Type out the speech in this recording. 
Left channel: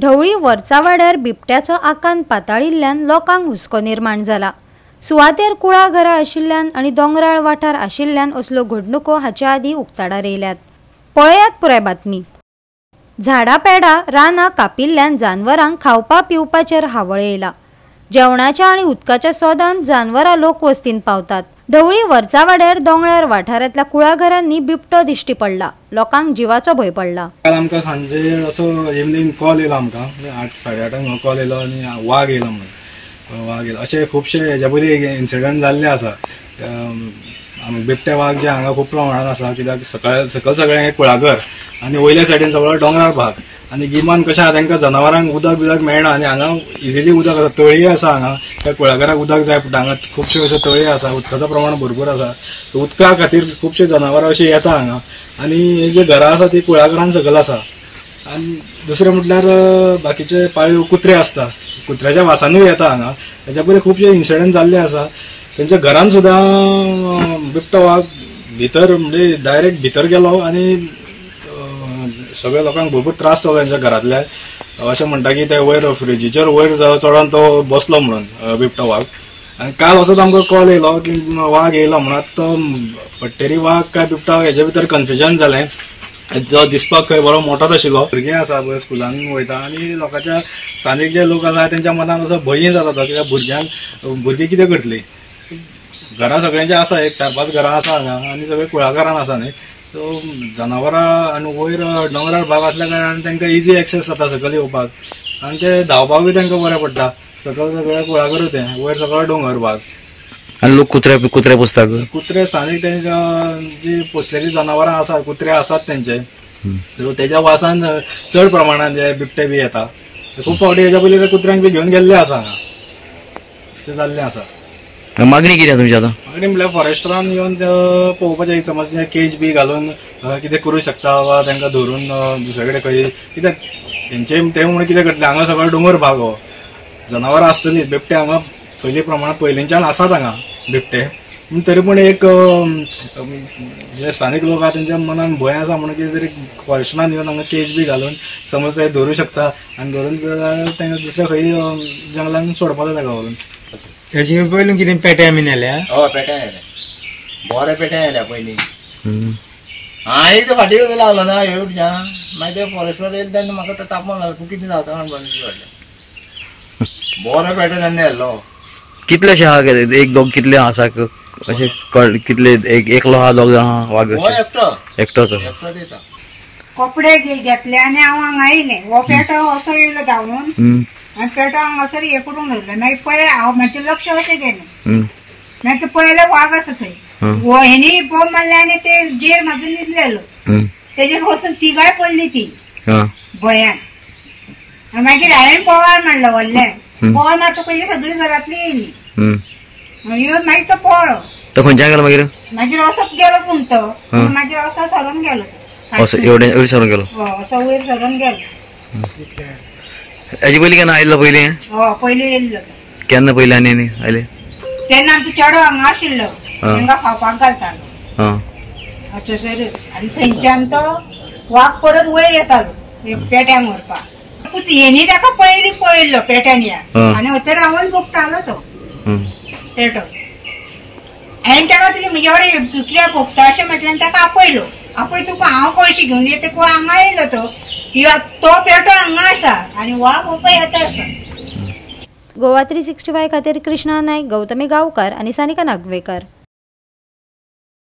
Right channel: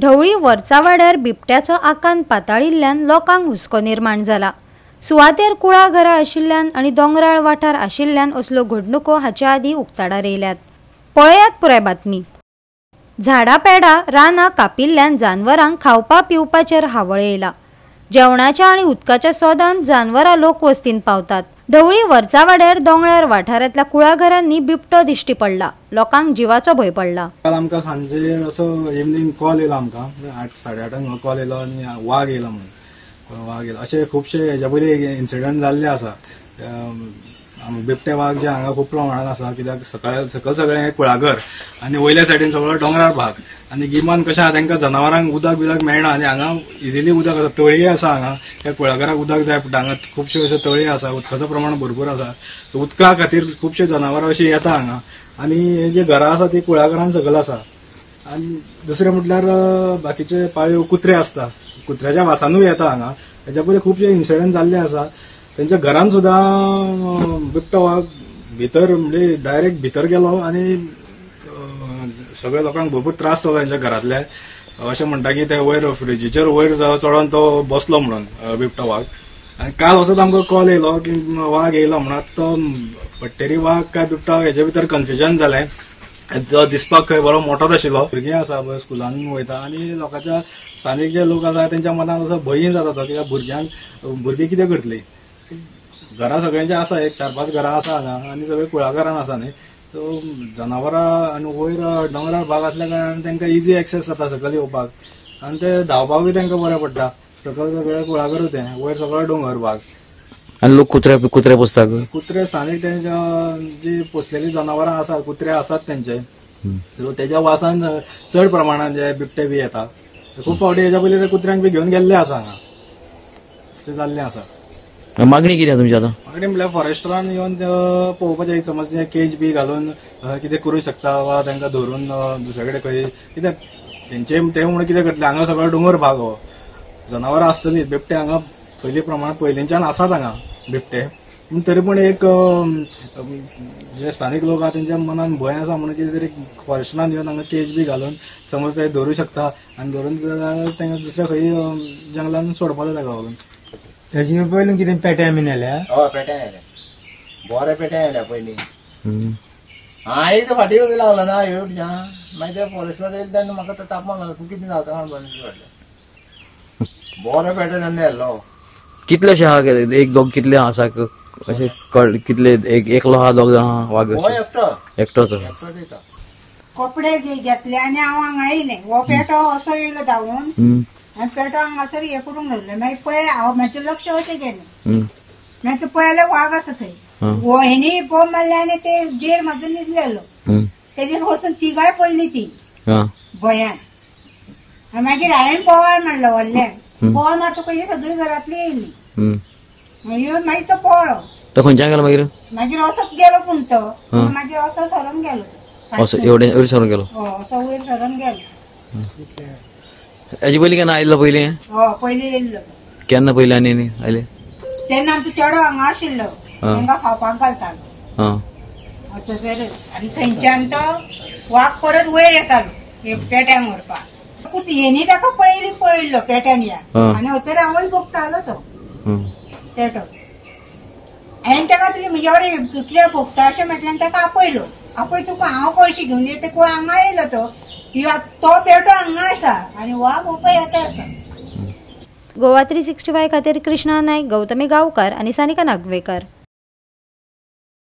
ढवळी वरचा वाड्यार बिबट्याचो आकांत पाताळिल्ल्यान लोकांक हुस्को निर्माण जाला। सुवातेर कुळा घरां आशिल्ल्यान आनी दोंगराळ वाठार आशिल्ल्यान असल्यो घडणुको हाच्या आदीं उक्ताडार येयल्यात। पळयात पुराय बातमी। झाडां पेडां रानां कापिल्ल्यान जानवरांक खावपा पिवपाचेर हावळ येयला। जेवणाच्या आनी उदकाच्या सोदान जानवरां लोकवस्तीन पावतात। ढवळी वरचा वाड्यार दोंगराळ वाठारांतल्या कुळा घरांनी बिबटो दिश्टी पडला। लोकांक जिवाचो भंय पडला। आमकां सांजे असो इवनिंग कॉल येयलो आमकां 8-8:30 कॉल येयलो आनी वाघ येयलो म्हणून वाघ येयलो अशें खुबशे हेच्या पयलीं इन्सिडंट जाल्ले आसा। बिबटे वाघ जे हांगा खूब प्रमाणात आसा कित्याक सकयल सगळें कुळागर आनी वयले सायडीन सगळो दोंगराळ भाग आनी गिमान कशें आसा तांकां जनावरांक उदक बिदक मेळना आनी हांगा इजिली उदक आसा तळी आसा हांगा त्या कुळागराक उदक जाय पडटा। हांगा खुबश्यो अश्यो तळी आसा उदकाचो प्रमाण भरपूर आसा उदका खातीर खुबशे जनावरां अशी येता हांगा आनी जी घरां आसा ती कुळागरान सकयल आसा। आनी दुसरें म्हटल्यार बाकीचे पाळीव कुत्रे आसता कुत्र्याच्या वासानूय येता हांगा। हेच्या पयलीं खुबशे इन्सिडंट जाल्ले आसा। तेंच्या घरान सुद्दां बिबटो वाघ भितर म्हणजे डायरेक्ट भितर गेलो आनी सगळ्या लोकांक भरपूर त्रास जालो तेंच्या घरांतल्या। अशें म्हणटा की ते वयर फ्रिजीचेर वयर चडोन तो बसलो म्हणून बिबटो वाघ। आनी काल असोच आमकां कॉल येयलो की वाघ येयलो म्हणून तो पट्टेरी वाघ काय बिबटो हेजे भितर कन्फ्युजन जालें। तो दिसपाक खंय बरो मोठोच आशिल्लो। भुरगीं आसा पळय स्कुलान वयता आनी लोकांच्या स्थानीक जे लोक आसा तेंच्या मनान असो भंय जाता तो कित्याक भुरगीं कितें करतलीं। घरां सगळ्यांची आसा एक 4-5 घरां आसा हांगा आनी सगळीं कुळागरान आसा न्ही सो जनावरां आनी वयर दोंगराळ भाग आसल्या कारणान तांकां इजी एक्सेस जाता सकयल येवपाक आनी ते धांवपाकूय तांकां बरें पडटा। सकयल सगळें कुळागरूच तें वयर सगळो दोंगर भाग आनी लोक कुत्रे पुसतात कुत्रे स्थानीक तेंच्या जी पोसलेली जनावरां आसा कुत्रे आसात तेंचे तेच्या वासान चड प्रमाणात जे बिबटे बी येता। खूब फावटी हेच्या पयलीं ते कुत्र्यांक बी घेवन गेल्ले आसा हांगा तें जाल्लें आसा। मागणी कितें तुमची आतां? मागणी म्हळ्यार फॉरेस्टरान येवन पळोवपाचें समज केज बी घालून कितें करूं शकता वा तांकां धरून दुसरे कडेन खंय कित्याक तेंचे ते म्हणून कितें करतले हांगा सगळो दोंगर भाग हो जनावरां आसतलीं बिबटे हांगा पयलीं प्रमाण पयलींच्यान आसात हांगा बिबटे पूण तरी पूण एक जे स्थानीक लोक आहा तेंच्या मनान भंय आसा म्हणून कितें तरी फॉरेस्टरान येवन हांगा केज बी घालून समज ते धरूं शकता आनी धरून तांकां दुसऱ्या खंय जंगलान सोडपाक जाय ताका व्हरून। हेची पयलीं कितें पेट्या बीन येल्या? हय पेट्या येल्या बरे पेट्या येल्या पयलीं हांवें ते फाटीं लागलो ना हेवटच्यान मागीर ते फॉरेस्टवर येयले तेन्ना म्हाका तो तापोवन लागलो तूं कितें जाता म्हणून बरे पेट्या तेन्ना येयल्लो। कितलेशे आहा एक दोग कितले आसा अशें कितले एकलो आहा दोग आहा वाघ एकटोच दिता कपडे घेतले आनी हांव हांगा येयलें हो पेटो असो येयलो धांवून आनी पेटो हांगासर हे करून धरलें मागीर पळयलें हांव म्हाजें लक्ष अशें गेलें मागीर ते पळयलें वाघ आसा थंय हो हेणी बोंब मारले आनी ते जेर म्हाजो न्हिदलेलो तेजेर वचून तिगाय पडली ती भंयान। मागीर हांवें पोवार मारलो व्हडल्यान पोवार मारतकच ही सगळीं घरांतली येयली मागीर तो पळलो तो खंयच्यान गेलो मागीर असोच गेलो पूण तो मागीर असो सरून गेलो वयर सरून गेलो असो वयर सरून गेलो। हेजे पयलीं केन्ना आयिल्लो पयलीं? पयलीं येयल्लो। केन्ना पयलीं आनी आयले? तेन्ना आमचो चेडो हांगा आशिल्लो तांकां खावपाक घालतालो थंयसरच आनी थंयच्यान तो वाघ परत वयर येतालो पेट्यांक व्हरपाक। हेणी ताका पयलीं पळयल्लो पेट्यान या आनी थंय रावन भोगतालो तो पेटो। हांवें ताका तुजी म्हजे वांगडा कितले भोगता अशें म्हटल्यार ताका आपयलो आपय तुका हांव पयशे घेवन येता तूं हांगा येयलो तो पेटो हांगा आसा आनी वाघ पळय येता आसा। गोवा 365 खातीर कृष्णा नायक, गौतमी गांवकार आनी सानिका नागवेकर।